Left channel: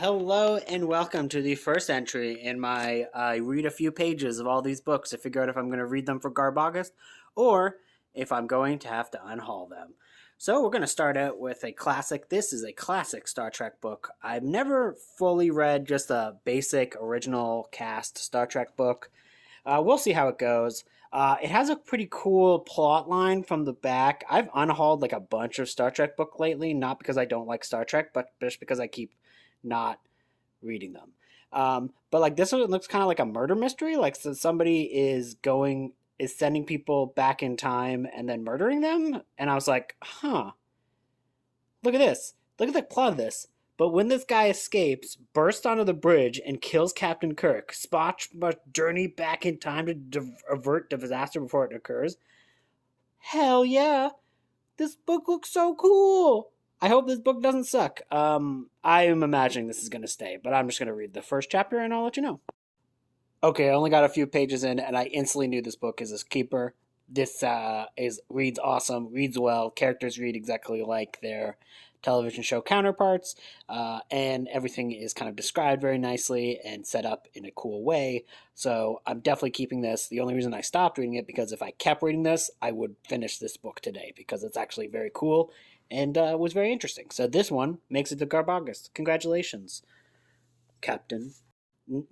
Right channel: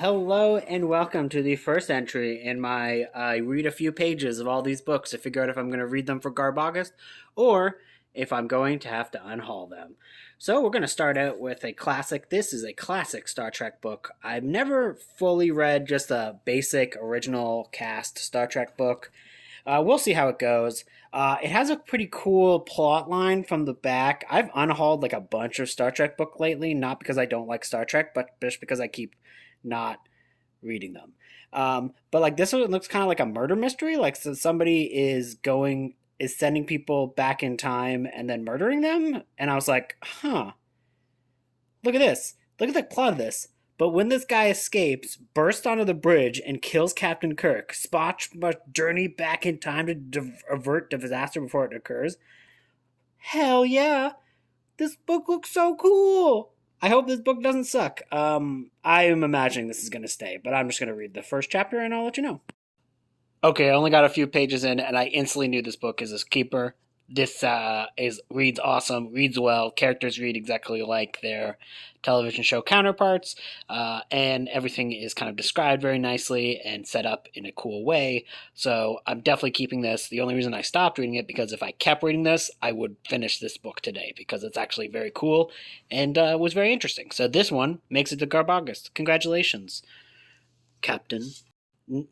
Hello and welcome to the first entry in my read a few pages of all these books to figure out if I'm going to read them for GarbAUGUST or if I'm going to have to unhaul them. So we're going to start out with a classic. This is a classic Star Trek book. I've never fully read just a basic original cast Star Trek book. We'll see how it goes. It has a pretty cool plot line from the back. I've unhauled like a bunch of Star Trek book lately, not because I don't like Star Trek, but just because I keep not reading them. But like this one looks kind of like a murder mystery. Like so somebody is sending people back in time and then murdering them. And I was like, huh, look at this. Look at the plot of this. But when this guy escapes, bursts onto the bridge, and kills Captain Kirk, Spock must journey back in time to avert the disaster before it occurs. Hell yeah! This book looks so cool! I hope this book doesn't suck. I am imagining this is going to stay, but I'm just going to read the first chapter and I'll let you know. Okay, I only got a few pages in, and I instantly knew this book is a keeper. This reads awesome, reads well. Characters read exactly like their television show counterparts, and everything is kind of described very nicely and set up in a cool way. So I'm definitely keeping this. The only reason I stopped reading it because if I kept reading this, I would finish this book today because it's actually very cool and was very interesting. So this one makes it to GarbAUGUST. Congratulations, Captain.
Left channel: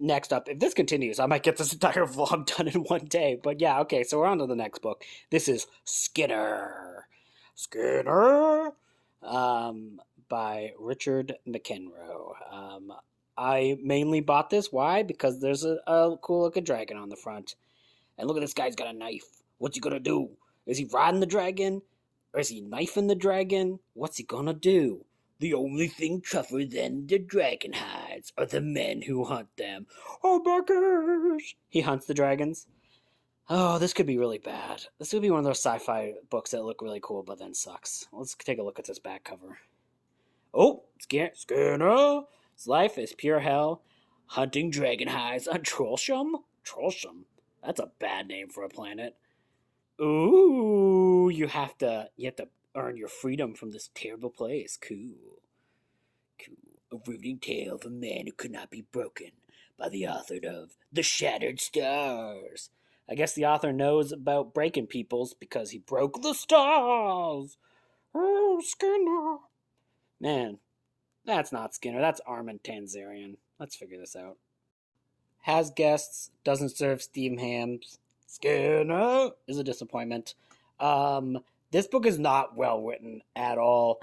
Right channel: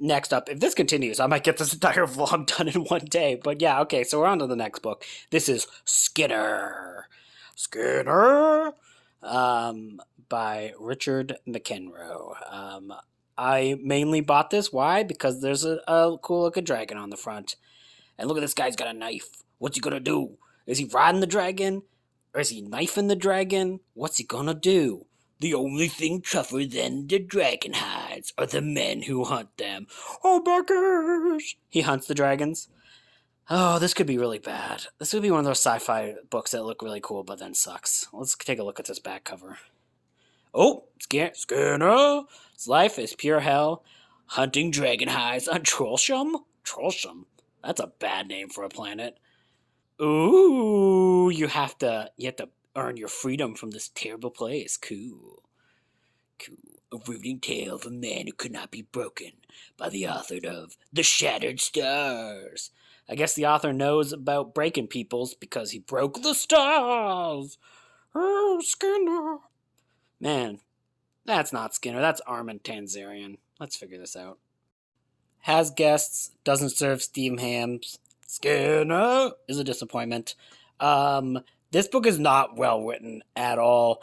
Next up, if this continues, I might get this entire vlog done in one day. But yeah, okay, so we're on to the next book. This is Skitter. Skitter! By Richard McEnroe. I mainly bought this. Why? Because there's a cool looking dragon on the front. And look at this guy's got a knife. What's he gonna do? Is he riding the dragon? Or is he knifing the dragon? What's he gonna do? The only thing tougher than the dragon hides are the men who hunt them. Oh, buckers! He hunts the dragons. Oh, this could be really bad. This would be one of those sci-fi books that look really cool but then sucks. Let's take a look at this back cover. Oh, Skinner! His life is pure hell. Hunting dragon hides on Trollsham? Trollsham? That's a bad name for a planet. Ooh, you have to earn your freedom from this terrible place. Cool. A riveting tale of a man who could not be broken by the author of The Shattered Stars. I guess the author knows about breaking peoples because he broke the stars. Oh, Skinner. Man, that's not Skinner. That's Armin Tanzarian. Let's figure this out. Has guests, doesn't serve steam hams. Skinner is a disappointment. This book is not well written at all.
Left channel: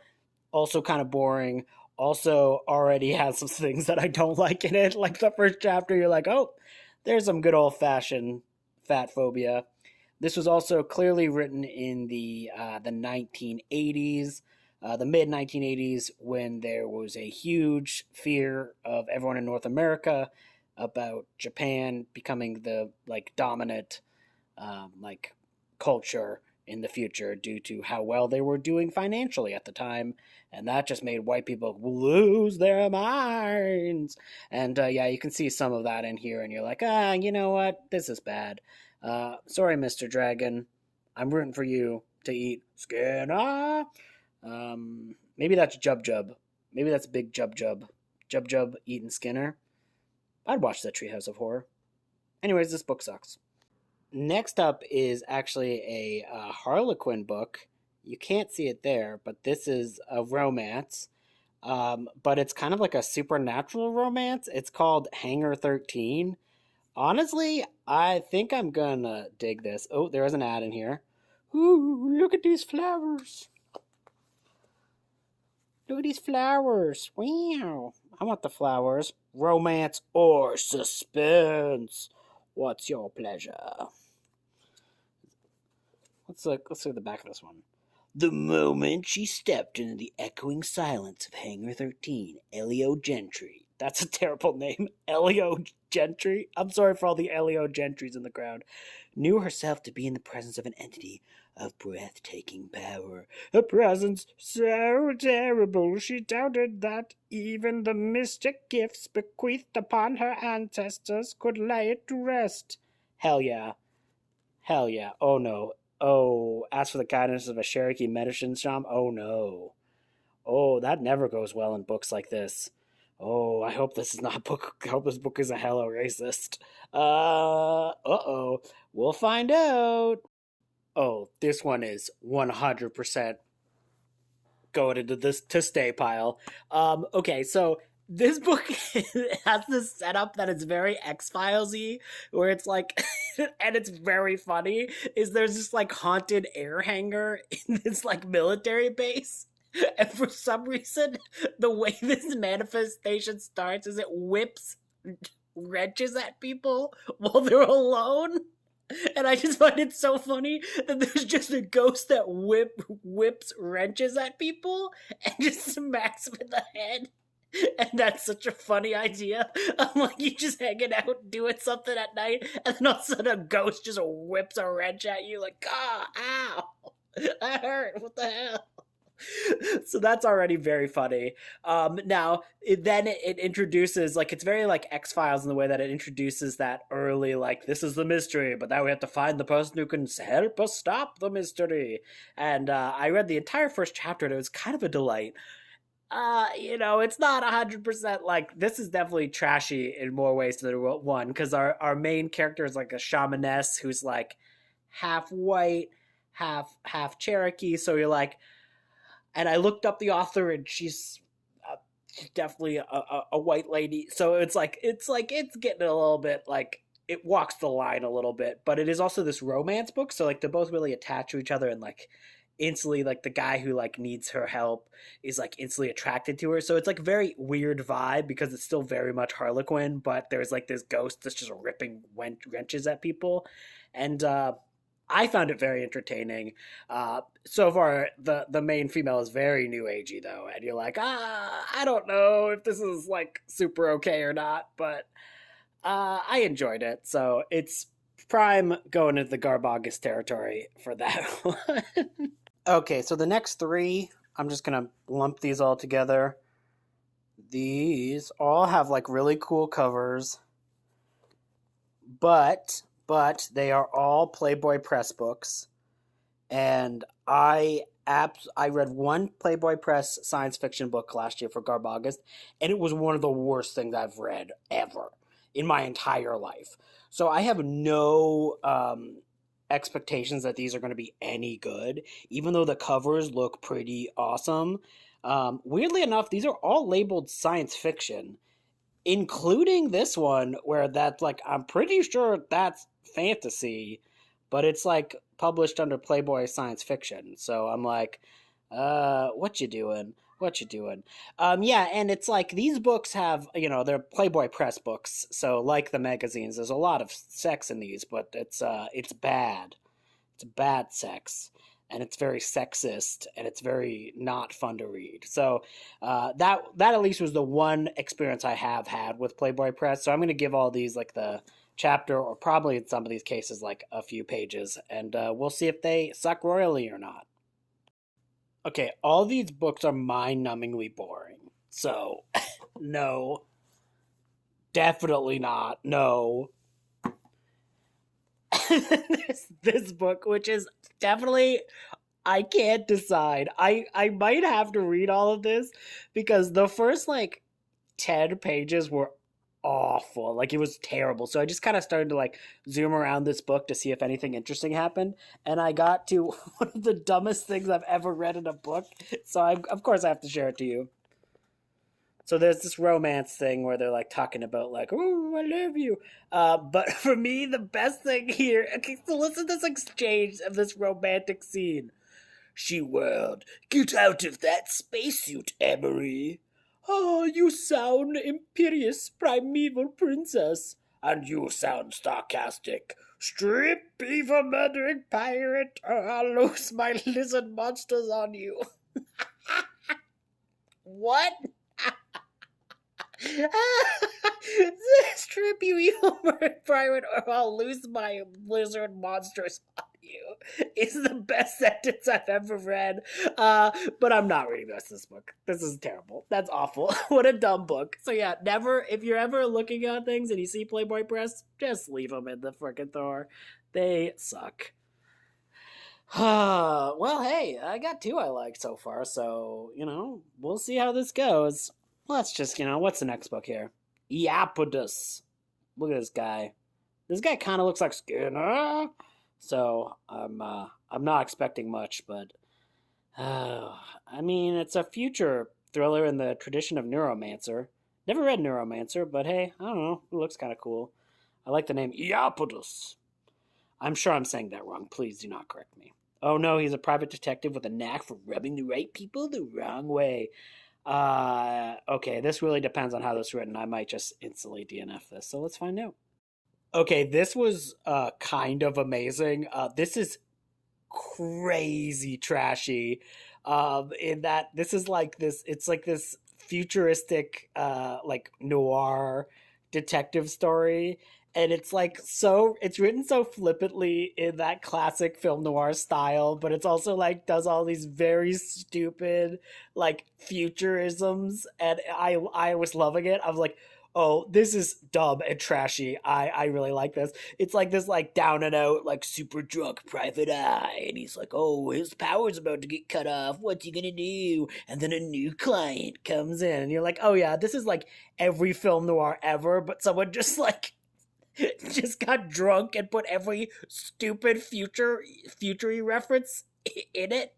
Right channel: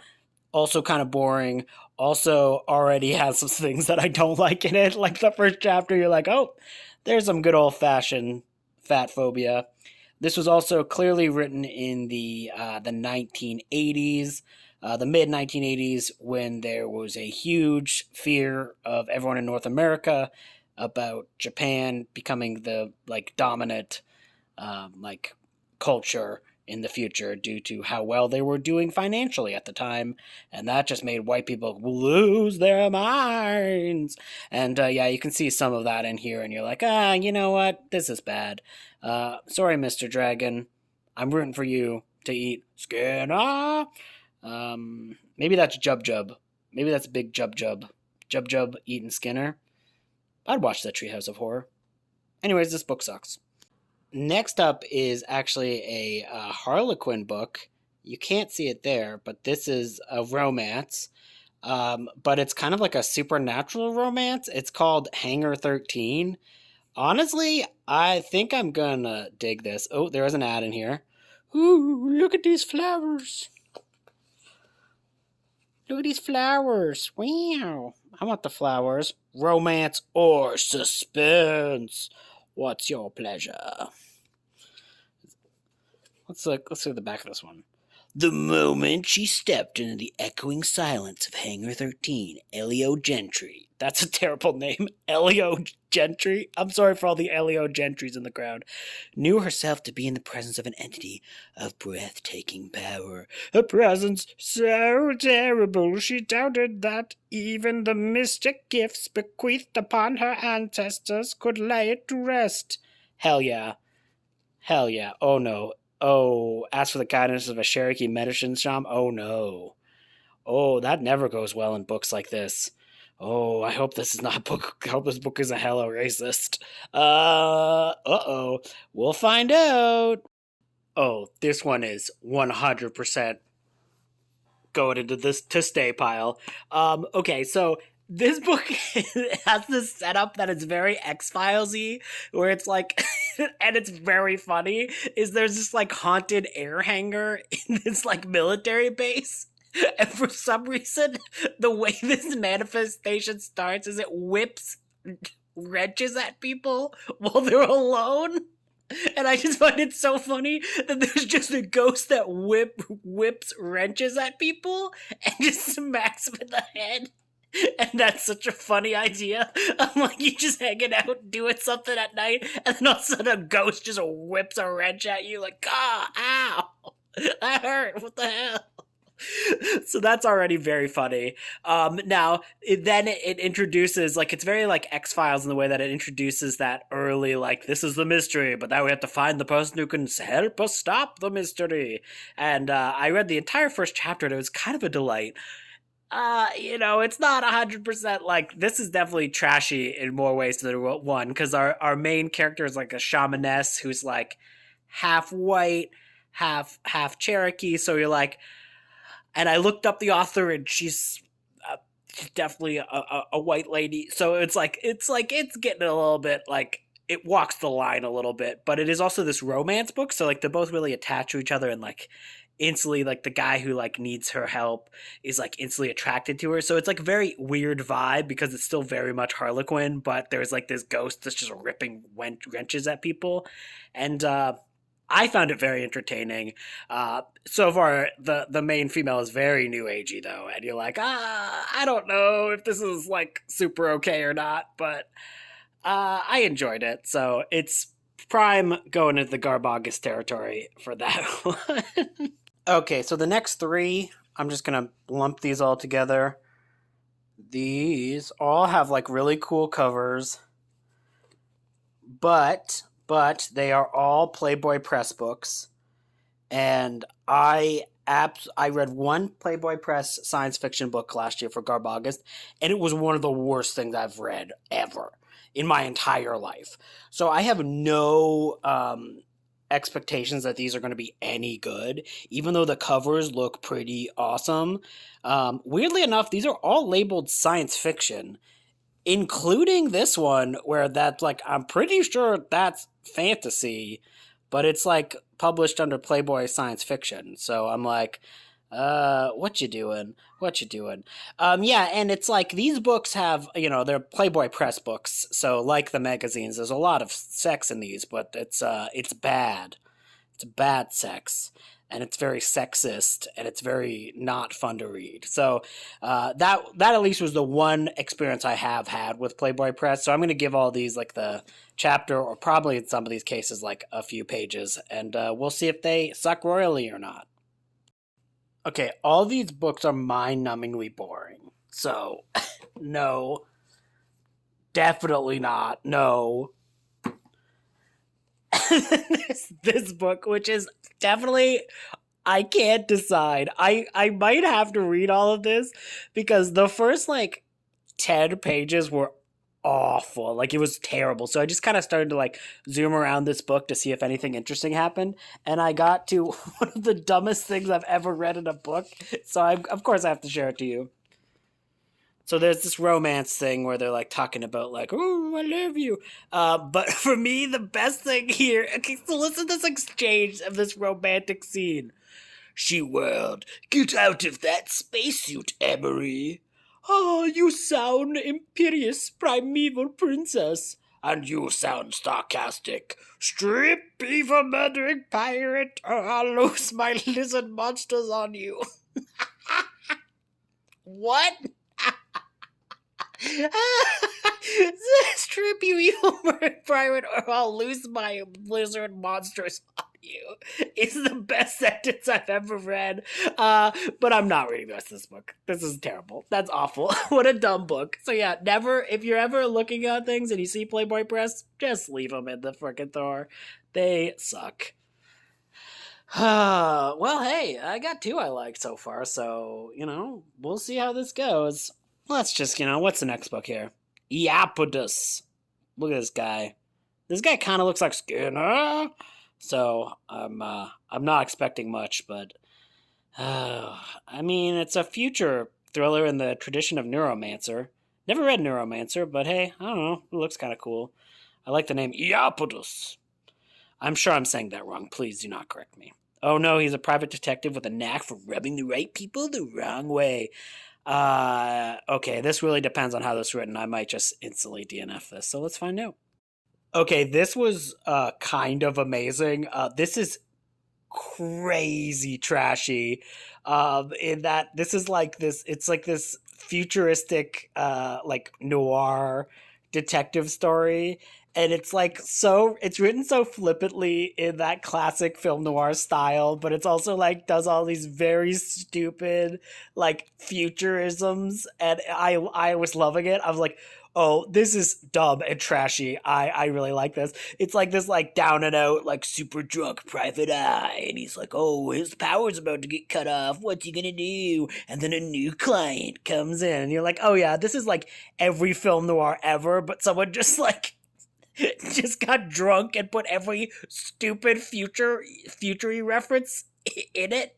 Also kind of boring. Also already has some things that I don't like in it. Like the first chapter, you're like, oh, there's some good old fashioned fat phobia. This was also clearly written in the 1980s, the mid 1980s, when there was a huge fear of everyone in North America about Japan becoming the dominant culture in the future due to how well they were doing financially at the time, and that just made white people lose their minds. And yeah, you can see some of that in here, and you're like, you know what, this is bad. Sorry, Mr. Dragon, I'm rooting for you to eat Skinner. Maybe that's Jub Jub. Maybe that's Big Jub Jub. Jub Jub eating Skinner. I'd watch that Treehouse of Horror. Anyways, this book sucks. Next up is actually a Harlequin book. You can't see it there, but this is a romance. But it's kind of like a supernatural romance. It's called Hangar 13. Honestly, I think I'm gonna dig this. Oh, there is an ad in here. Ooh, look at these flowers. Look at these flowers. Wow. I want the flowers. Romance or suspense. What's your pleasure? Let's look at the back of this one. The moment she stepped into the echoing silence of Hangar 13, Elio Gentry. That's a terrible name. Elio Gentry? I'm sorry for all the Elio Gentrys in the crowd. Knew herself to be in the presence of an entity of breathtaking power. A presence so terrible she doubted that even the mystic gifts bequeathed upon her ancestors could lay it to rest. Hell yeah. Hell yeah. Oh no. Oh, ask for the guidance of a Cherokee medicine shaman? Oh no. Oh, that never goes well in books like this. Oh, I hope this is not book. I hope this book isn't hella racist. Uh-oh. We'll find out. Oh, this one is 100% going into this to stay pile. Okay, so this book has this setup that is very X-Filesy, where it's like, and it's very funny. Is there's this like haunted air hangar in this like military base, and for some reason, the way this manifestation starts is it whips wrenches at people while they're alone. And I just find it so funny that there's just a ghost that whips wrenches at people and just smacks them in the head. And that's such a funny idea. I'm like, you just hanging out doing something at night, and then all of a sudden a ghost just whips a wrench at you, like, ah, ow, that hurt. What the hell? So that's already very funny. Now then it introduces like it's very like X Files in the way that it introduces that early like this is the mystery, but now we have to find the person who can help us stop the mystery. And I read the entire first chapter, and it was kind of a delight. It's not 100% like this is definitely trashy in more ways than one because our main character is like a shamaness who's like half white, half Cherokee. So you're like, and I looked up the author, and she's definitely a white lady. So it's getting a little bit like it walks the line a little bit, but it is also this romance book. So like they're both really attached to each other, and like instantly like the guy who like needs her help is like instantly attracted to her. So it's like a very weird vibe because it's still very much Harlequin, but there's like this ghost that's just ripping wrenches at people, and I found it very entertaining. So far, the main female is very new agey though, and you're like, I don't know if this is like super okay or not, but I enjoyed it. So it's prime going into the GarbAUGUST territory for that one. Okay, so the next three, I'm just gonna lump these all together. These all have like really cool covers, but they are all Playboy Press books, and I read one Playboy Press science fiction book last year for GarbAUGUST, and it was one of the worst things I've read ever in my entire life. So I have no expectations that these are going to be any good, even though the covers look pretty awesome. Weirdly enough, these are all labeled science fiction, including this one where that's like I'm pretty sure that's fantasy, but it's like published under Playboy Science Fiction. So I'm like, what you doing? What you doing? Yeah, and it's like these books have, they're Playboy Press books. So like the magazines, there's a lot of sex in these, but it's bad. It's bad sex, and it's very sexist, and it's very not fun to read. So that at least was the one experience I have had with Playboy Press. So I'm going to give all these like the chapter, or probably in some of these cases like a few pages, and we'll see if they suck royally or not. Okay, all these books are mind-numbingly boring. So no, definitely not. No. this book, which is definitely I can't decide. I might have to read all of this because the first like 10 pages were awful. Like it was terrible. So I just kind of started to like zoom around this book to see if anything interesting happened, and I got to one of the dumbest things I've ever read in a book. So of course I have to share it to you. So there's this romance thing where they're like talking about like, oh, I love you. But for me, the best thing here, okay, so listen to this exchange of this romantic scene. She whirled, get out of that spacesuit, Emery. Oh, you sound imperious, primeval princess. And you sound sarcastic. Strip, beaver murdering pirate, or I'll lose my lizard monsters on you. What? Strip, you evil pirate, or I'll lose my lizard monsters on you is the best sentence I've ever read. But I'm not reading the rest of this book. This is terrible. That's awful. What a dumb book. So yeah, never, if you're ever looking at things and you see Playboy Press, just leave them in the frickin' drawer. They suck. Well, hey, I got two I like so far, so, we'll see how this goes. let's just, what's the next book here? Iapetus. Look at this guy. This guy kind of looks like Skinner. So I'm not expecting much, but I mean, it's a future thriller in the tradition of Neuromancer. Never read Neuromancer, but hey, I don't know. It looks kind of cool. I like the name Iapetus. I'm sure I'm saying that wrong. Please do not correct me. Oh no, he's a private detective with a knack for rubbing the right people the wrong way. Okay, this really depends on how this is written. I might just instantly DNF this, so let's find out. Okay, this was kind of amazing. This is crazy trashy. In that this is like this, it's like this futuristic, like noir detective story, and it's like it's written so flippantly in that classic film noir style, but it's also like does all these very stupid like futurisms, and I was loving it. I was like, oh, this is dumb and trashy. I really like this. It's like this like down and out like super drunk private eye, and he's like, oh, his power's about to get cut off. What's he gonna do? And then a new client comes in, and you're like, oh yeah, this is like every film noir ever, but someone just like just got drunk and put every stupid future reference in it,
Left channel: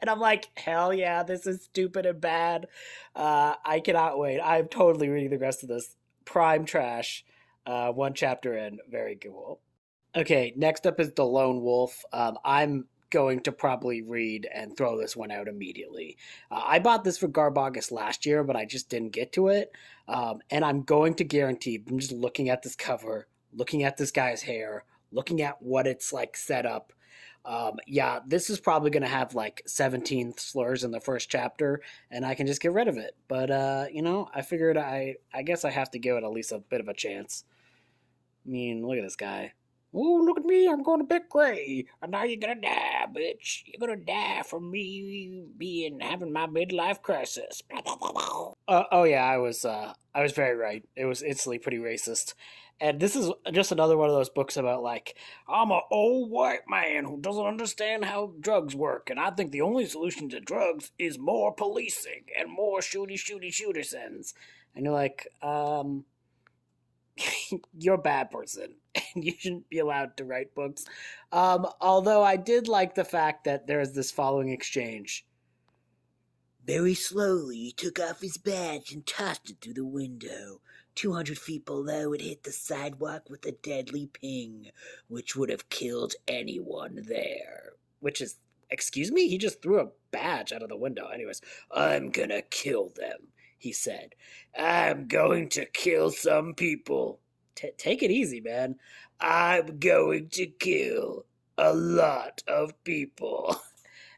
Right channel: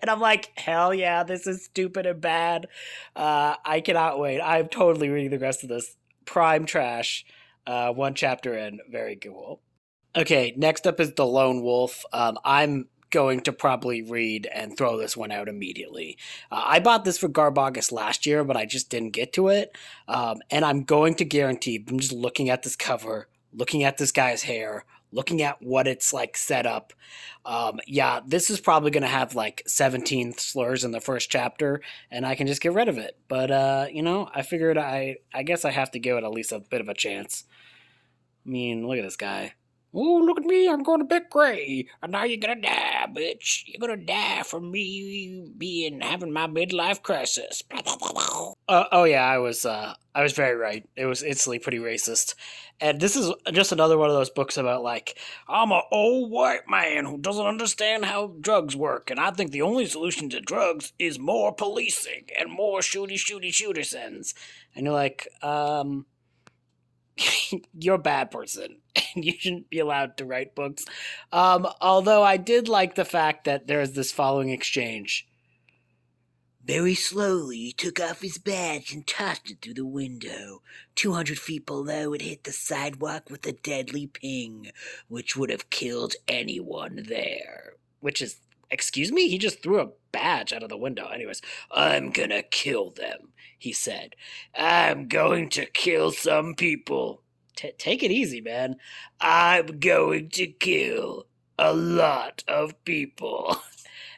and I'm like, hell yeah, this is stupid and bad. I cannot wait. I'm totally reading the rest of this. Prime trash. One chapter in, very cool. Okay, next up is The Lone Wolf. I'm going to probably read and throw this one out immediately. I bought this for GarbAUGUST last year, but I just didn't get to it. And I'm going to guarantee, I'm just looking at this cover, looking at this guy's hair, looking at what it's like set up. Yeah, this is probably going to have like 17 slurs in the first chapter, and I can just get rid of it. But, I figured I guess I have to give it at least a bit of a chance. I mean, look at this guy. Oh, look at me, I'm going to bed gray. And now you're gonna die, bitch. You're gonna die from me having my midlife crisis. Oh yeah, I was very right. It was instantly pretty racist. And this is just another one of those books about like, I'm an old white man who doesn't understand how drugs work, and I think the only solution to drugs is more policing and more shooter-sends. And you're like, you're a bad person and you shouldn't be allowed to write books. Although I did like the fact that there's this following exchange. Very slowly, he took off his badge and tossed it through the window. 200 feet below, it hit the sidewalk with a deadly ping, which would have killed anyone there. Which is, excuse me? He just threw a badge out of the window. Anyways, I'm gonna kill them, he said. I'm going to kill some people. Take it easy, man. I'm going to kill a lot of people.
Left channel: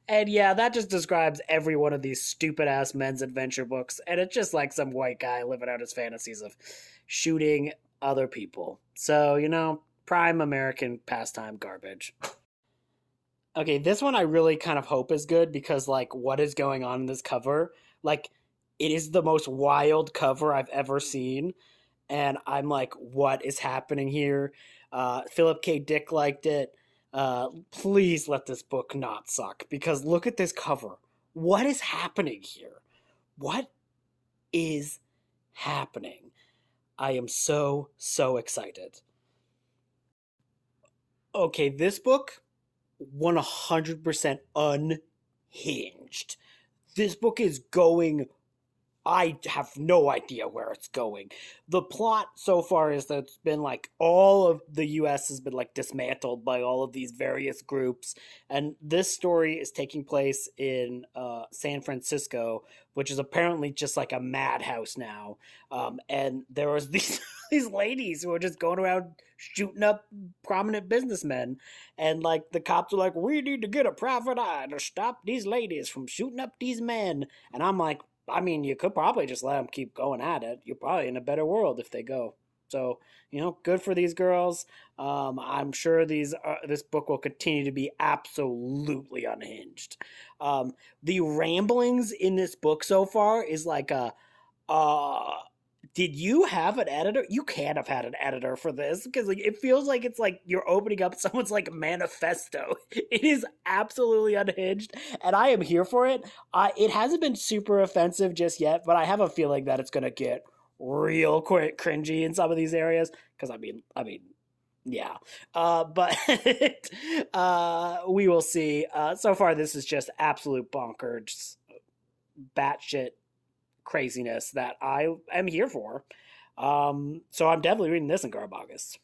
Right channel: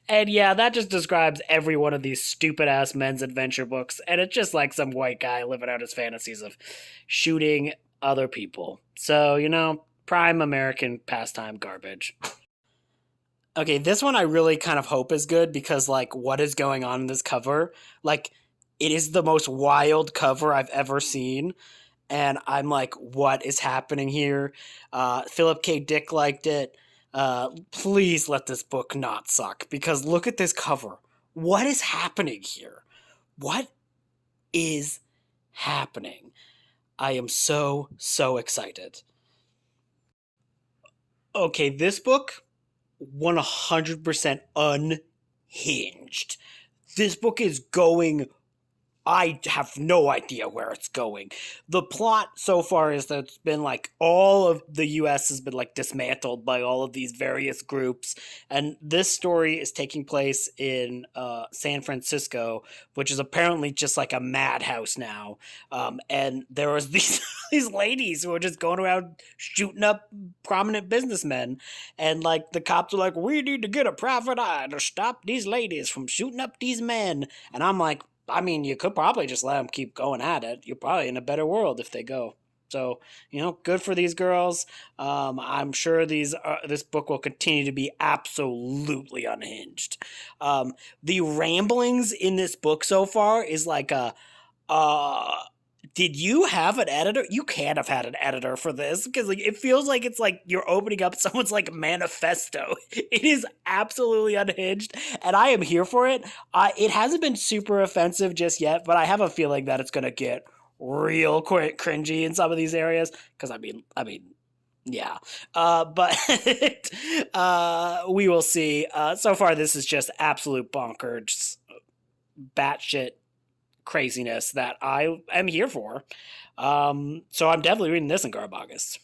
And yeah, that just describes every one of these stupid ass men's adventure books. And it's just like some white guy living out his fantasies of shooting other people. So, prime American pastime garbage. Okay, this one I really kind of hope is good because, like, what is going on in this cover? Like, it is the most wild cover I've ever seen. And I'm like, what is happening here? Philip K. Dick liked it. Please let this book not suck because look at this cover. What is happening here? What is happening? I am so excited. Okay, this book 100% unhinged. This book is going, I have no idea where it's going. The plot so far is that it's been like all of the US has been like dismantled by all of these various groups. And this story is taking place in San Francisco, which is apparently just like a madhouse now. And there was these, these ladies who were just going around shooting up prominent businessmen. And like the cops are like, we need to get a private eye to stop these ladies from shooting up these men. And I'm like, I mean, you could probably just let them keep going at it. You're probably in a better world if they go. So, good for these girls. I'm sure this book will continue to be absolutely unhinged. The ramblings in this book so far is like a Did you have an editor? You can't have had an editor for this because like it feels like it's like you're opening up someone's like manifesto. It is absolutely unhinged, and I am here for it. It hasn't been super offensive just yet, but I have a feeling that it's gonna get real cringy in some of these areas. Because yeah. But we will see. So far, this is just absolute bonkers, batshit craziness that I am here for. So I'm definitely reading this in GarbAUGUST.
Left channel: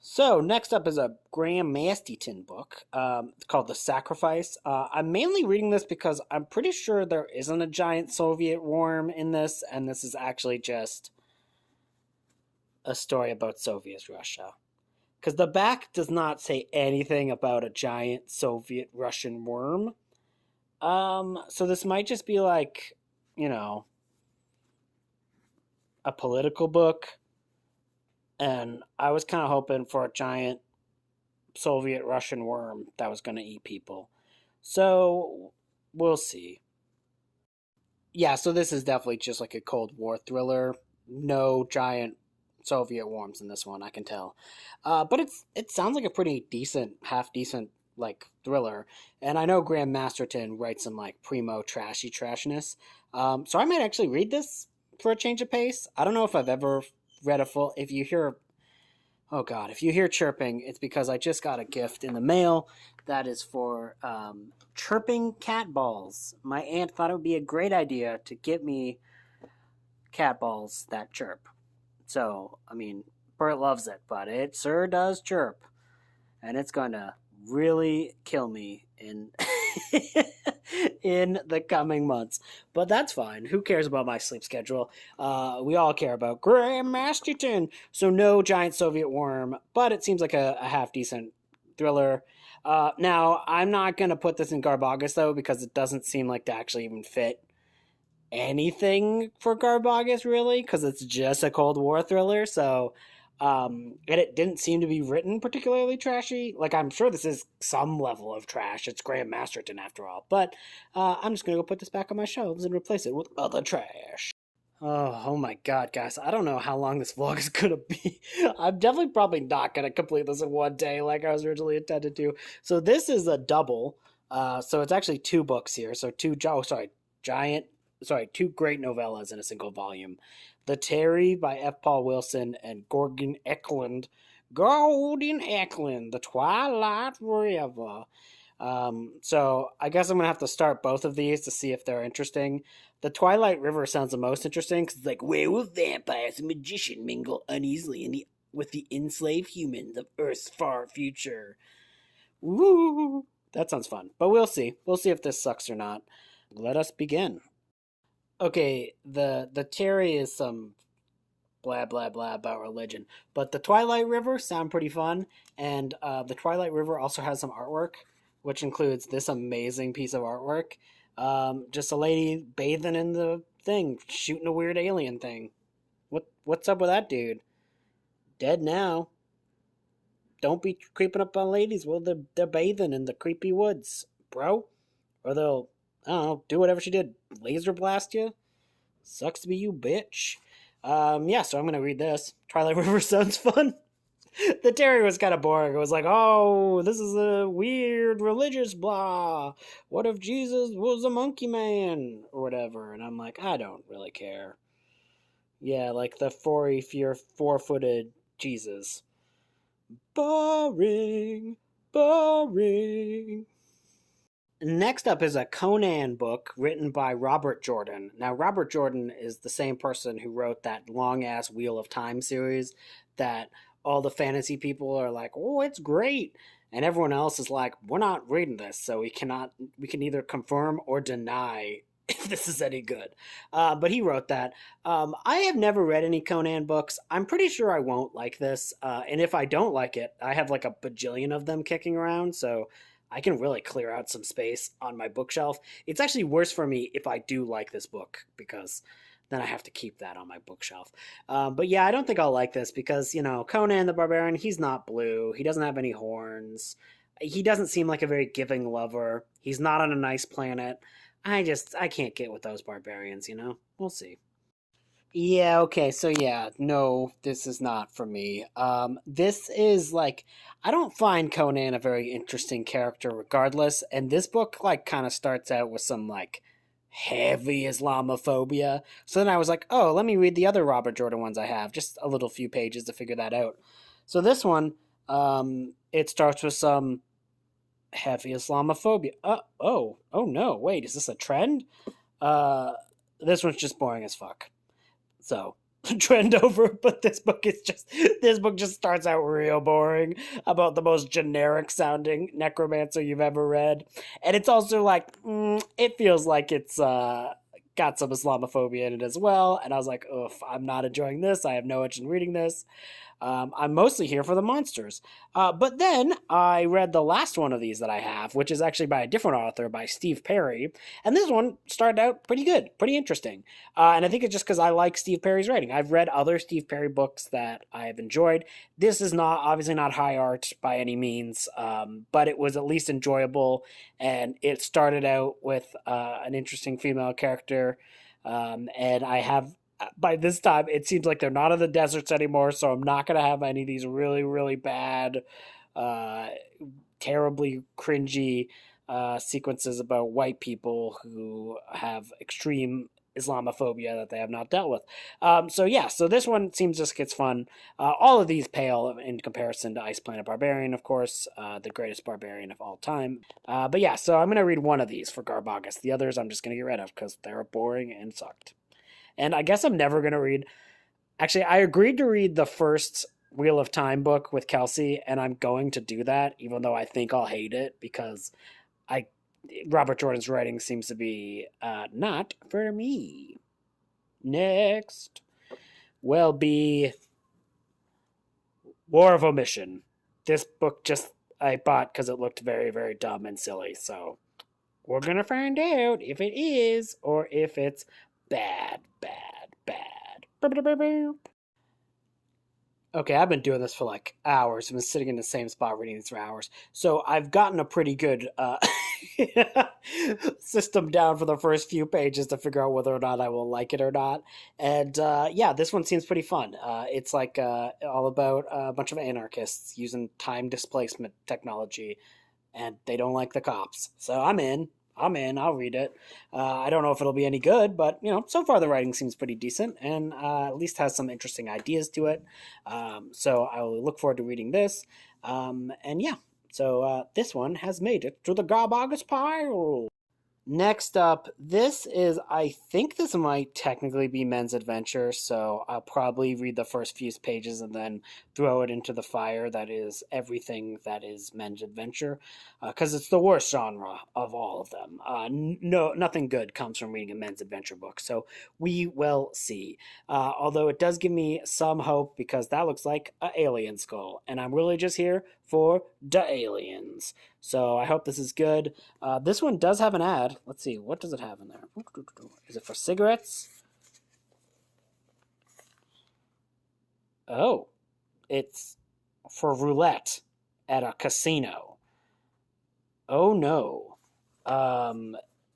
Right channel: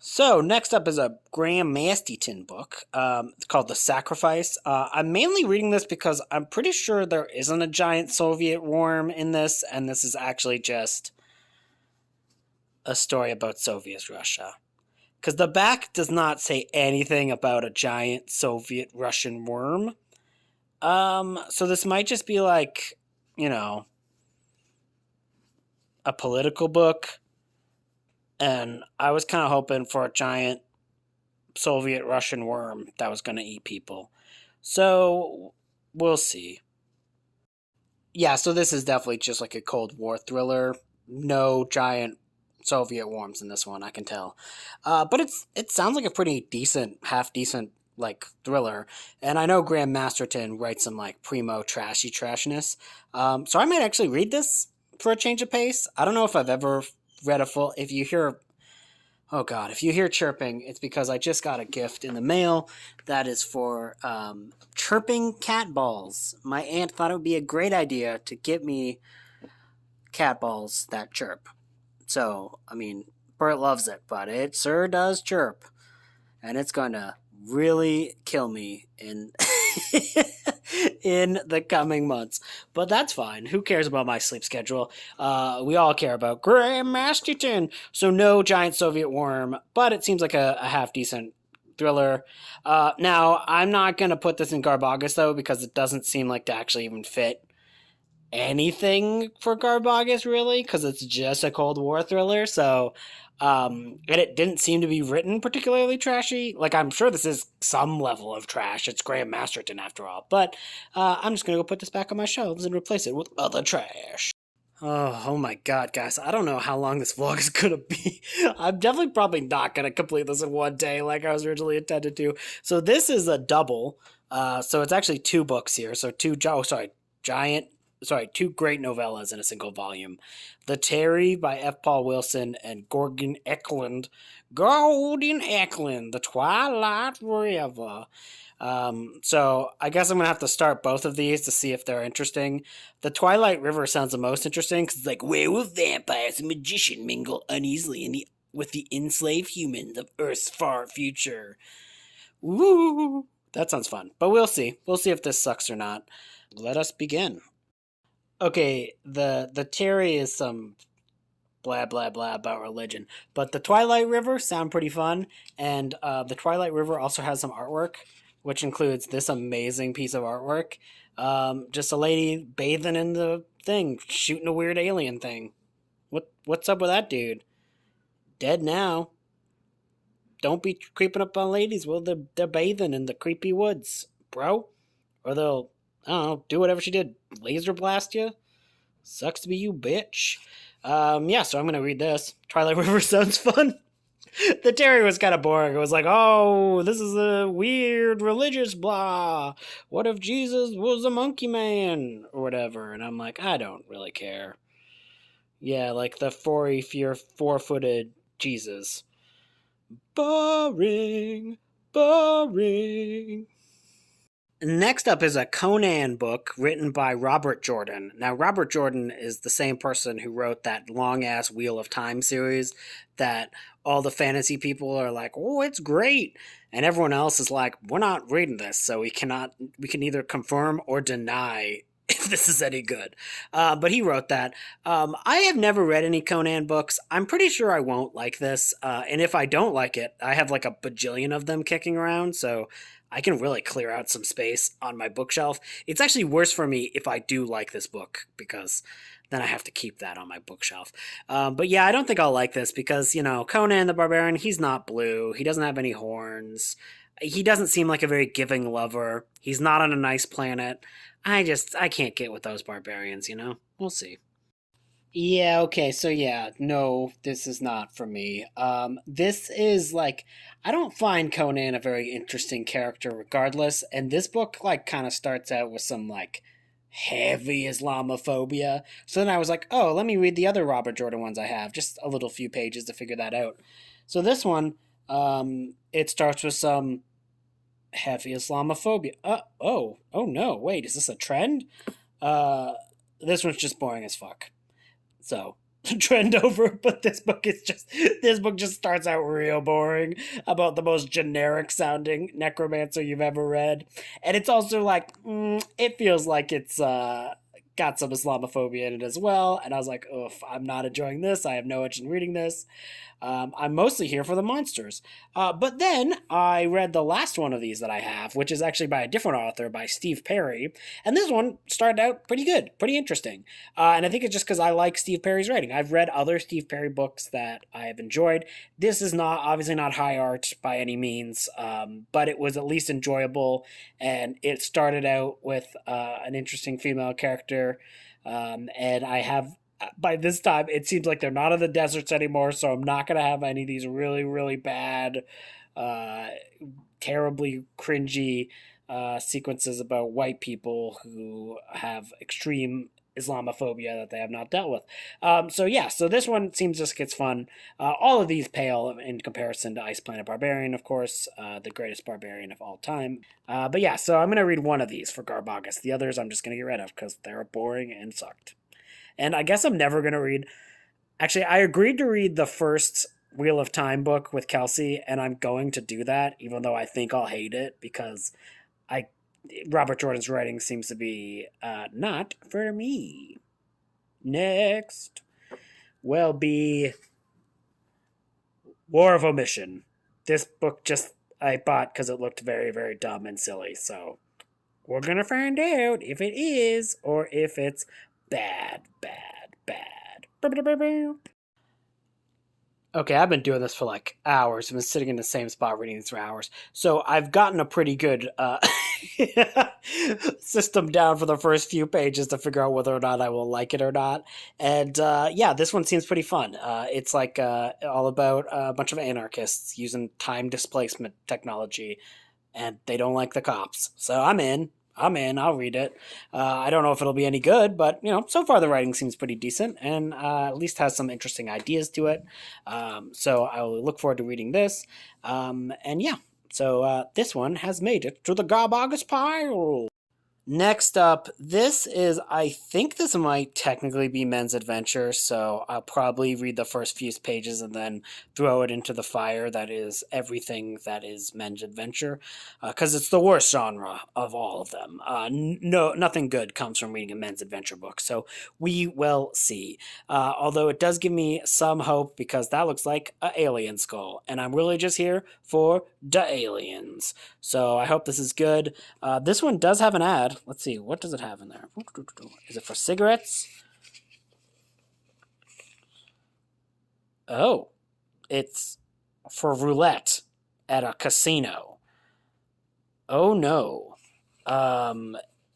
So next up is a Graham Masterton book. It's called The Sacrifice. I'm mainly reading this because I'm pretty sure there isn't a giant Soviet worm in this, and this is actually just a story about Soviet Russia. Because the back does not say anything about a giant Soviet Russian worm. So this might just be like, you know, a political book, and I was kind of hoping for a giant Soviet Russian worm that was going to eat people. So we'll see. Yeah, so this is definitely just like a Cold War thriller. No giant Soviet worms in this one, I can tell. But it sounds like a pretty decent, half decent like thriller. And I know Graham Masterton writes some like primo trashy trashness. So I might actually read this for a change of pace. I don't know if I've ever read a full. If you hear, oh god, if you hear chirping, it's because I just got a gift in the mail that is for chirping cat balls. My aunt thought it would be a great idea to get me cat balls that chirp. So, I mean, Bert loves it, but it sure does chirp. And it's gonna really kill me in in the coming months. But that's fine. Who cares about my sleep schedule? We all care about Graham Masterton. So no giant Soviet worm, but it seems like a half decent thriller. Now, I'm not gonna put this in GarbAUGUST though, because it doesn't seem like to actually even fit anything for GarbAUGUST really, because it's just a Cold War thriller. So, and it didn't seem to be written particularly trashy. Like I'm sure this is some level of trash. It's Graham Masterton after all. But I'm just gonna go put this back on my shelves and replace it with other trash. Oh my god, guys. I don't know how long this vlog is gonna be. I'm definitely probably not gonna complete this in one day like I was originally intended to. So this is a double. So it's actually two books here. So giant two great novellas in a single volume. The Terry by F. Paul Wilson and Gordon Eklund. Gordon Eklund, The Twilight River. So I guess I'm gonna have to start both of these to see if they're interesting. The Twilight River sounds the most interesting because it's like werewolf vampires and magician mingle uneasily with the enslaved humans of Earth's far future. Woo! That sounds fun, but we'll see. We'll see if this sucks or not. Let us begin. Okay, the Terry is some blah blah blah about religion, but the Twilight River sound pretty fun, and the Twilight River also has some artwork, which includes this amazing piece of artwork. Just a lady bathing in the thing, shooting a weird alien thing. What's up with that dude? Dead now. Don't be creeping up on ladies while they're bathing in the creepy woods, bro. Or they'll, I don't know, do whatever she did. Laser blast you? Sucks to be you, bitch. Yeah, so I'm gonna read this. Twilight River sounds fun. The Terry was kind of boring. It was like, oh, this is a weird religious blah. What if Jesus was a monkey man? Or whatever. And I'm like, I don't really care. Yeah, like the four-footed Jesus. Boring. Boring. Next up is a Conan book written by Robert Jordan. Now, Robert Jordan is the same person who wrote that long ass Wheel of Time series that all the fantasy people are like, oh, it's great. And everyone else is like, we're not reading this, so we can either confirm or deny if this is any good. But he wrote that. I have never read any Conan books. I'm pretty sure I won't like this. And if I don't like it, I have like a bajillion of them kicking around, so I can really clear out some space on my bookshelf. It's actually worse for me if I do like this book because then I have to keep that on my bookshelf. But yeah, I don't think I'll like this because, you know, Conan the Barbarian, he's not blue. He doesn't have any horns. He doesn't seem like a very giving lover. He's not on a nice planet. I can't get with those barbarians, you know? We'll see. Yeah, okay, so yeah, no, this is not for me. This is like, I don't find Conan a very interesting character regardless, and this book, like, kind of starts out with some, like, heavy Islamophobia. So then I was like, oh, let me read the other Robert Jordan ones I have, just a little few pages to figure that out. So this one, it starts with some heavy Islamophobia. Oh no, wait, is this a trend? Uh, this one's just boring as fuck. So trend over, but this book just starts out real boring about the most generic sounding necromancer you've ever read, and it's also like it feels like it's got some Islamophobia in it as well. And I was like, oof, I'm not enjoying this. I have no interest in reading this. I'm mostly here for the monsters. But then I read the last one of these that I have, which is actually by a different author, by Steve Perry. And this one started out pretty good, pretty interesting. And I think it's just because I like Steve Perry's writing. I've read other Steve Perry books that I have enjoyed. This is not, obviously, not high art by any means, but it was at least enjoyable. And it started out with an interesting female character. And I have by this time it seems like they're not in the deserts anymore, so I'm not going to have any of these really, really bad, uh, terribly cringy sequences about white people who have extreme Islamophobia that they have not dealt with. So yeah, so this one seems just gets fun. All of these pale in comparison to Ice Planet Barbarian, of course, the greatest barbarian of all time. But yeah, so I'm gonna read one of these for GarbAUGUST. The others I'm just gonna get rid of because they're boring and sucked. And I guess I'm never gonna read. Actually, I agreed to read the first Wheel of Time book with Kelsey, and I'm going to do that, even though I think I'll hate it because I Robert Jordan's writing seems to be not for me. Next will be War of Omission. This book just I bought because it looked very, very dumb and silly. So we're gonna find out if it is or if it's bad, bad, bad. Okay, I've been doing this for like hours. I've been sitting in the same spot reading these for hours. So I've gotten a pretty good system down for the first few pages to figure out whether or not I will like it or not. And yeah, this one seems pretty fun. It's like all about a bunch of anarchists using time displacement technology, and they don't like the cops. So I'm in. I'm in. I'll read it. I don't know if it'll be any good, but so far the writing seems pretty decent, and at least has some interesting ideas to it. So I'll look forward to reading this. And yeah, so this one has made it to the GarbAUGUST pile. Next up, this is, I think this might technically be Men's Adventure, so I'll probably read the first few pages and then throw it into the fire that is everything that is Men's Adventure, because it's the worst genre of all of them. No, nothing good comes from reading a Men's Adventure book, so we will see. Although it does give me some hope because that looks like an alien skull, and I'm really just here for the aliens. So I hope this is good. This one does have an ad. Let's see, what does it have in there? Is it for cigarettes? Oh, it's for roulette at a casino. Oh no.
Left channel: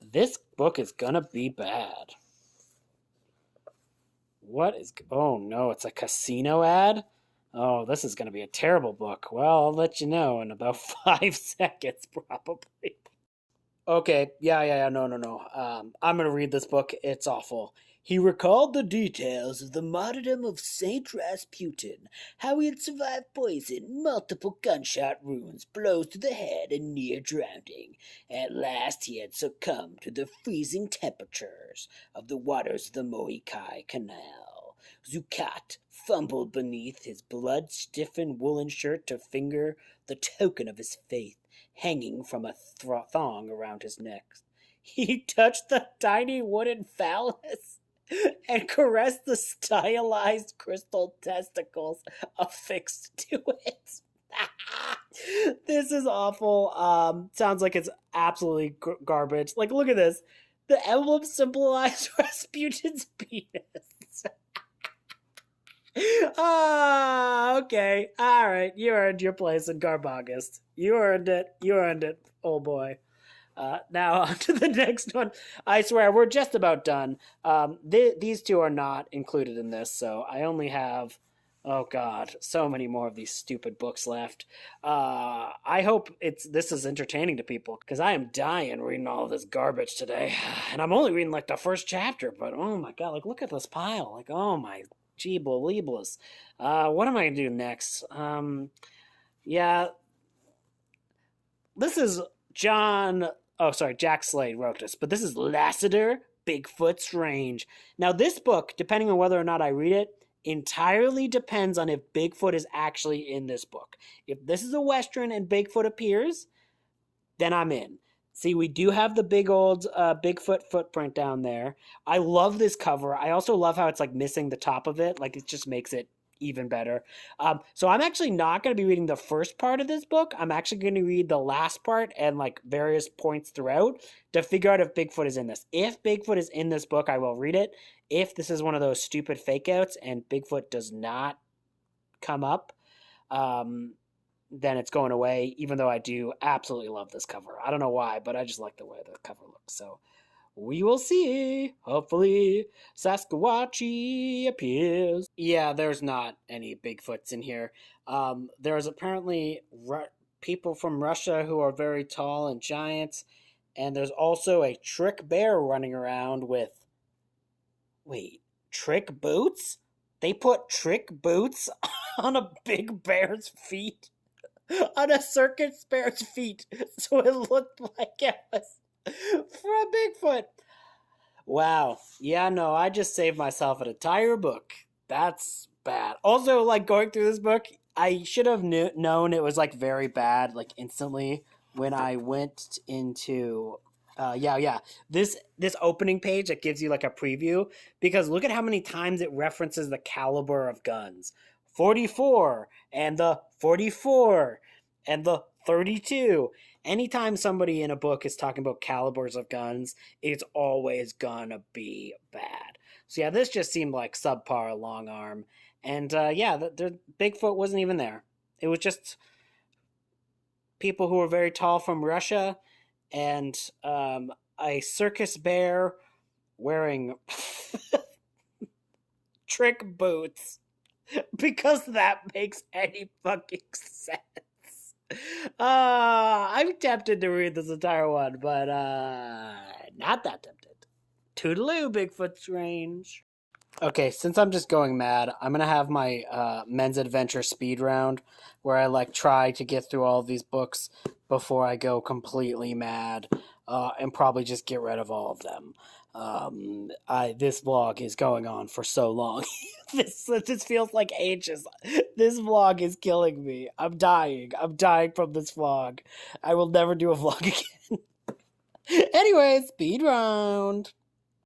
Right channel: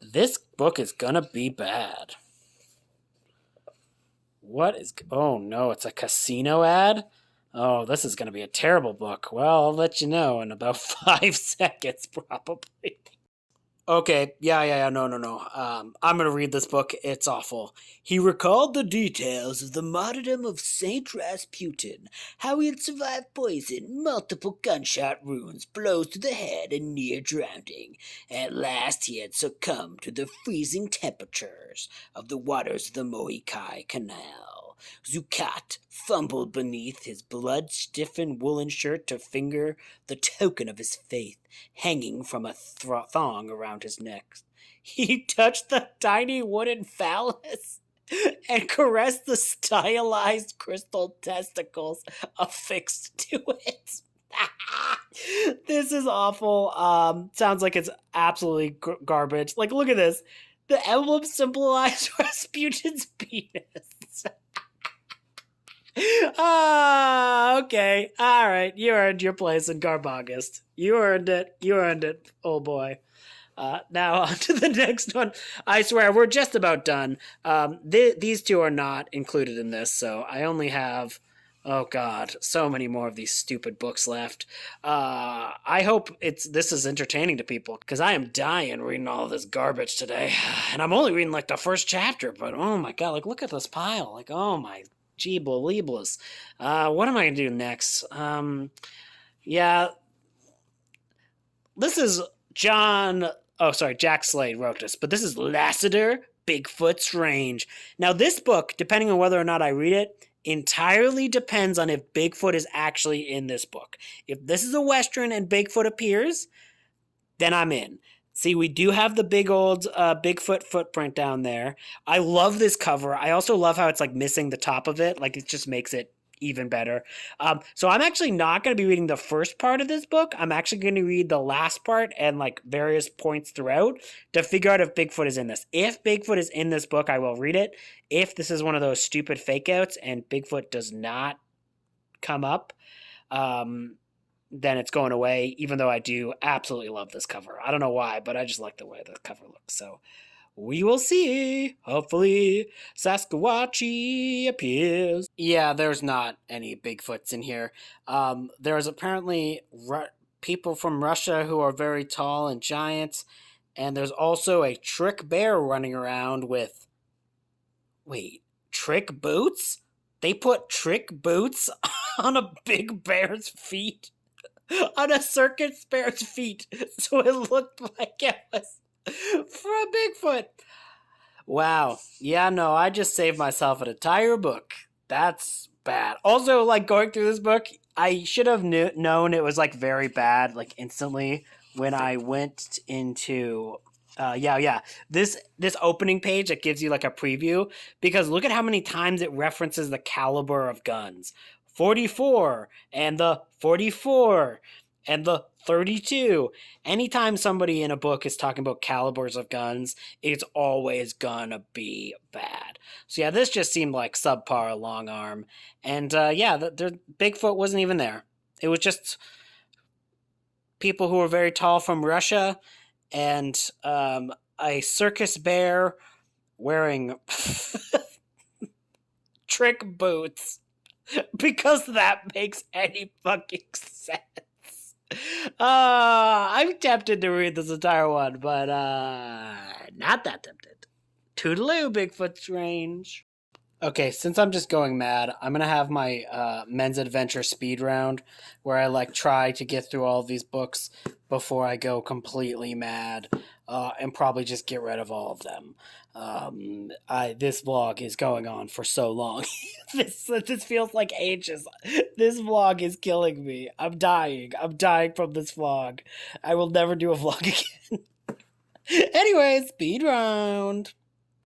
This book is gonna be bad. What is... Oh no, it's a casino ad? Oh, this is gonna be a terrible book. Well, I'll let you know in about 5 seconds, probably. Okay, yeah, no. I'm gonna read this book. It's awful. He recalled the details of the martyrdom of Saint Rasputin, how he had survived poison, multiple gunshot wounds, blows to the head, and near drowning. At last he had succumbed to the freezing temperatures of the waters of the Moikai Canal. Zucat fumbled beneath his blood-stiffened woolen shirt to finger the token of his faith hanging from a thong around his neck. He touched the tiny wooden phallus and caressed the stylized crystal testicles affixed to it. This is awful. Sounds like it's absolutely garbage. Like, look at this. The emblem symbolized Rasputin's penis. Okay. Alright. You earned your place in GarbAUGUST. You earned it. You earned it, old boy. Now on to the next one. I swear we're just about done. These two are not included in this, so I only have, oh god, so many more of these stupid books left. I hope this is entertaining to people because I am dying reading all this garbage today, and I'm only reading like the first chapter. But oh my god, like look at this pile. Like oh my jeebly. What am I gonna do next? Yeah, this is John. Oh, sorry, Jack Slade wrote this, but this is Lassiter, Bigfoots Range. Now, this book, depending on whether or not I read it, entirely depends on if Bigfoot is actually in this book. If this is a Western and Bigfoot appears, then I'm in. See, we do have the big old Bigfoot footprint down there. I love this cover. I also love how it's like missing the top of it. Like it just makes it even better. So I'm actually not going to be reading the first part of this book. I'm actually going to read the last part and like various points throughout to figure out if Bigfoot is in this. If Bigfoot is in this book, I will read it. If this is one of those stupid fake outs and Bigfoot does not come up, then it's going away, even though I do absolutely love this cover. I don't know why, but I just like the way the cover looks. So we will see. Hopefully, Sasquatchy appears. Yeah, there's not any Bigfoots in here. There's apparently people from Russia who are very tall and giant, and there's also a trick bear running around with... Wait, trick boots? They put trick boots on a big bear's feet? On a circus bear's feet, so it looked like it was for a Bigfoot. Wow. Yeah, no, I just saved myself an entire book. That's bad. Also, like, going through this book, I should have known it was, like, very bad, like, instantly when I went into... This opening page, it gives you, like, a preview, because look at how many times it references the caliber of guns. 44, and the 44, and the 32. Anytime somebody in a book is talking about calibers of guns, it's always gonna be bad. So yeah, this just seemed like subpar long arm. And the Bigfoot wasn't even there. It was just people who were very tall from Russia and a circus bear wearing trick boots. Because that makes any fucking sense. I'm tempted to read this entire one, but not that tempted. Toodaloo, Bigfoots Range. Okay, since I'm just going mad, I'm gonna have my men's adventure speed round where I like try to get through all of these books before I go completely mad and probably just get rid of all of them. This vlog is going on for so long. This feels like ages. This vlog is killing me. I'm dying from this vlog. I will never do a vlog again. Anyway, speed round.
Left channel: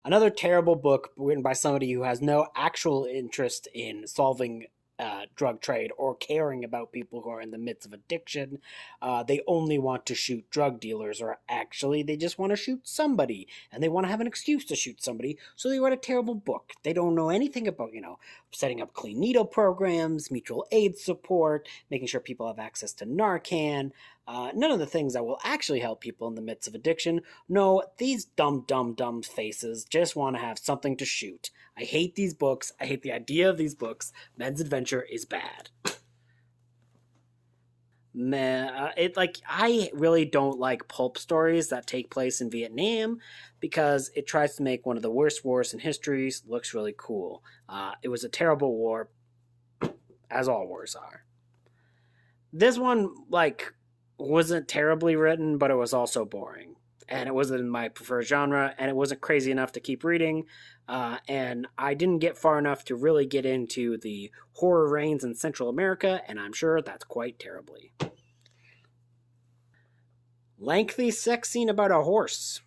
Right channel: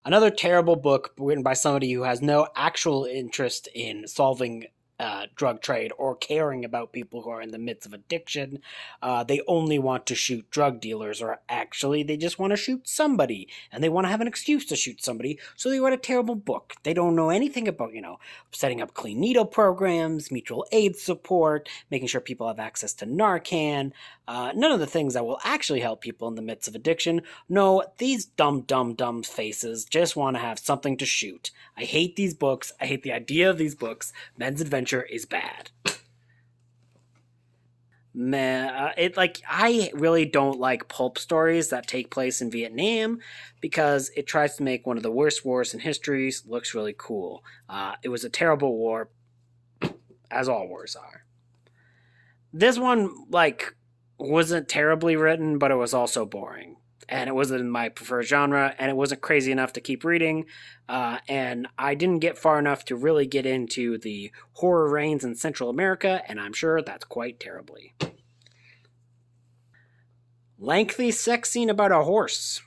Another terrible book written by somebody who has no actual interest in solving drug trade or caring about people who are in the midst of addiction. They only want to shoot drug dealers, or actually they just want to shoot somebody and they want to have an excuse to shoot somebody, so they write a terrible book. They don't know anything about, setting up clean needle programs, mutual aid support, making sure people have access to Narcan, none of the things that will actually help people in the midst of addiction. No, these dumb faces just want to have something to shoot. I hate these books. I hate the idea of these books. Men's Adventure is bad. Man, I really don't like pulp stories that take place in Vietnam because it tries to make one of the worst wars in history looks really cool. It was a terrible war, as all wars are. This one, wasn't terribly written, but it was also boring. And it wasn't in my preferred genre, and it wasn't crazy enough to keep reading, and I didn't get far enough to really get into the horror reigns in Central America, and I'm sure that's quite terribly. Lengthy sex scene about a horse.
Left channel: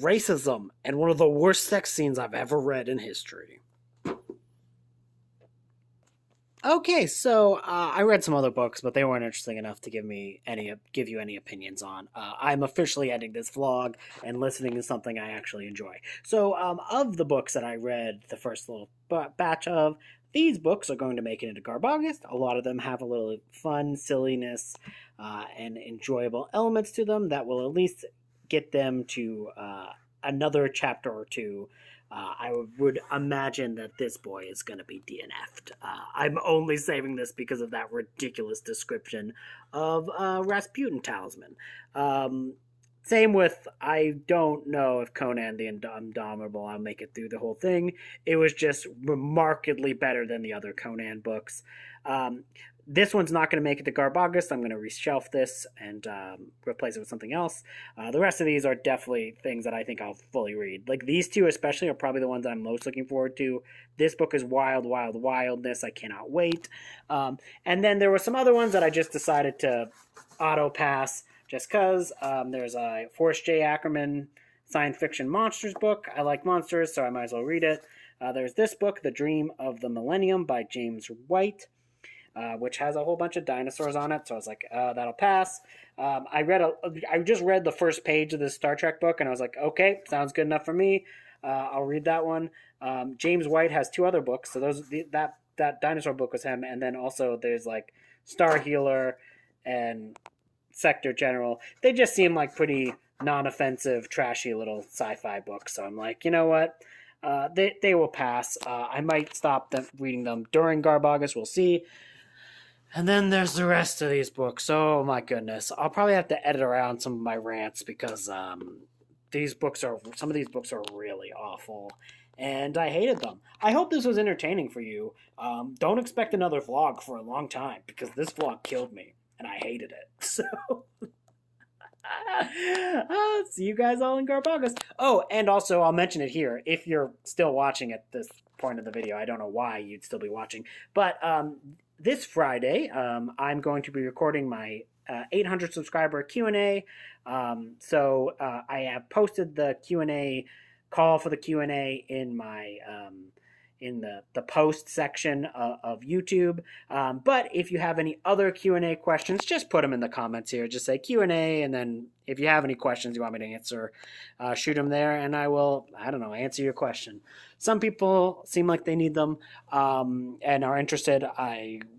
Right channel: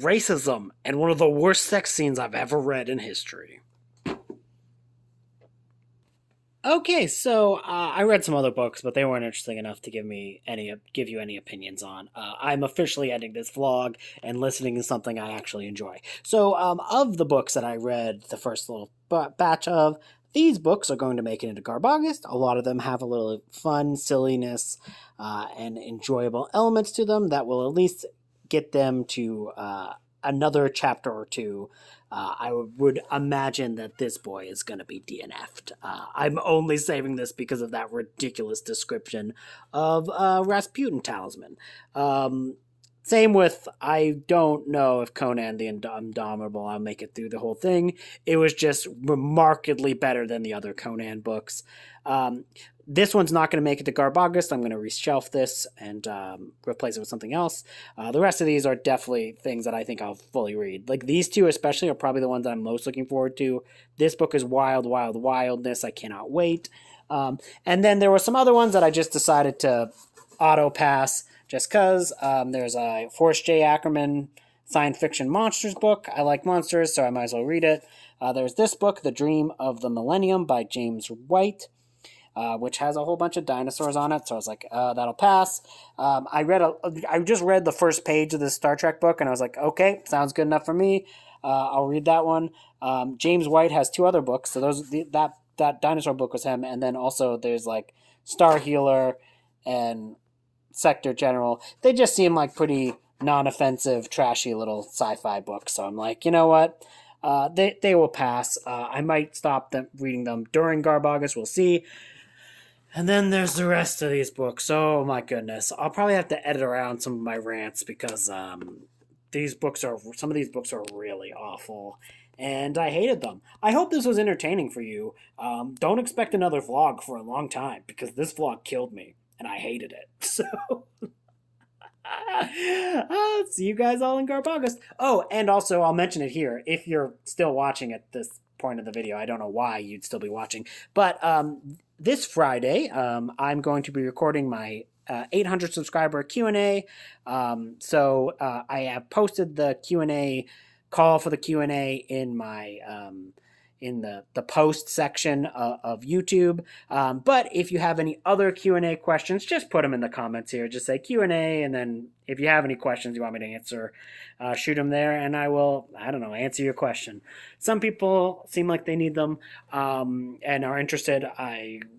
Racism, and one of the worst sex scenes I've ever read in history. Okay, so I read some other books, but they weren't interesting enough to give you any opinions on. I'm officially ending this vlog and listening to something I actually enjoy. So, of the books that I read the first little batch of, these books are going to make it into GarbAUGUST. A lot of them have a little fun, silliness, and enjoyable elements to them that will at least get them to another chapter or two. I would imagine that this boy is going to be DNF'd. I'm only saving this because of that ridiculous description of Rasputin Talisman. Same with, I don't know if Conan the Indomitable, I'll make it through the whole thing. It was just remarkably better than the other Conan books. This one's not going to make it to GarbAUGUST. I'm going to reshelf this and replace it with something else. The rest of these are definitely things that I think I'll fully read. Like these two especially are probably the ones that I'm most looking forward to. This book is Wild, Wild, Wildness. I cannot wait. And then there were some other ones that I just decided to auto-pass just because. There's a Forrest J. Ackerman science fiction monsters book. I like monsters, so I might as well read it. There's this book, The Dream of the Millennium by James White. Which has a whole bunch of dinosaurs on it, so I was like, that'll pass. I just read the first page of this Star Trek book, and I was like, okay, sounds good enough for me. I'll read that one. James White has two other books, so that dinosaur book was him, and then also there's like Star Healer and Sector General. They just seem like pretty non-offensive, trashy little sci-fi books, so I'm like, you know what? They will pass. I might stop reading them during GarbAUGUST. We'll see. And then there's the rest of these books. Oh my goodness. I'll probably have to edit around some of my rants because some of these books are really awful. And I hated them. I hope this was entertaining for you. Don't expect another vlog for a long time because this vlog killed me and I hated it. So see you guys all in GarbAUGUST. Oh, and also I'll mention it here. If you're still watching at this point of the video, I don't know why you'd still be watching, but this Friday, I'm going to be recording my 800 subscriber Q&A. So I have posted the Q&A call for the Q&A in my in the post section of YouTube. But if you have any other Q&A questions, just put them in the comments here. Just say Q&A, and then if you have any questions you want me to answer, shoot them there, and I will, I don't know, answer your question. Some people seem like they need them and are interested.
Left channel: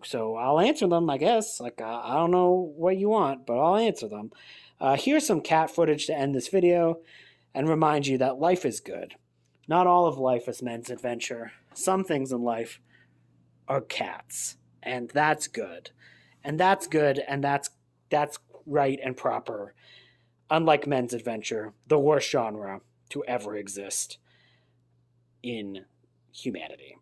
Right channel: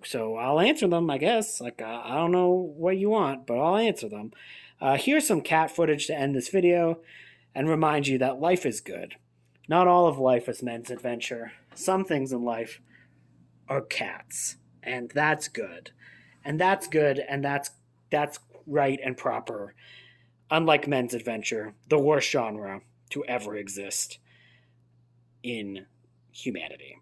So I'll answer them, I guess. Like, I don't know what you want, but I'll answer them. Here's some cat footage to end this video and remind you that life is good. Not all of life is men's adventure. Some things in life are cats, and that's good. And that's good, and that's right and proper. Unlike men's adventure, the worst genre to ever exist in humanity.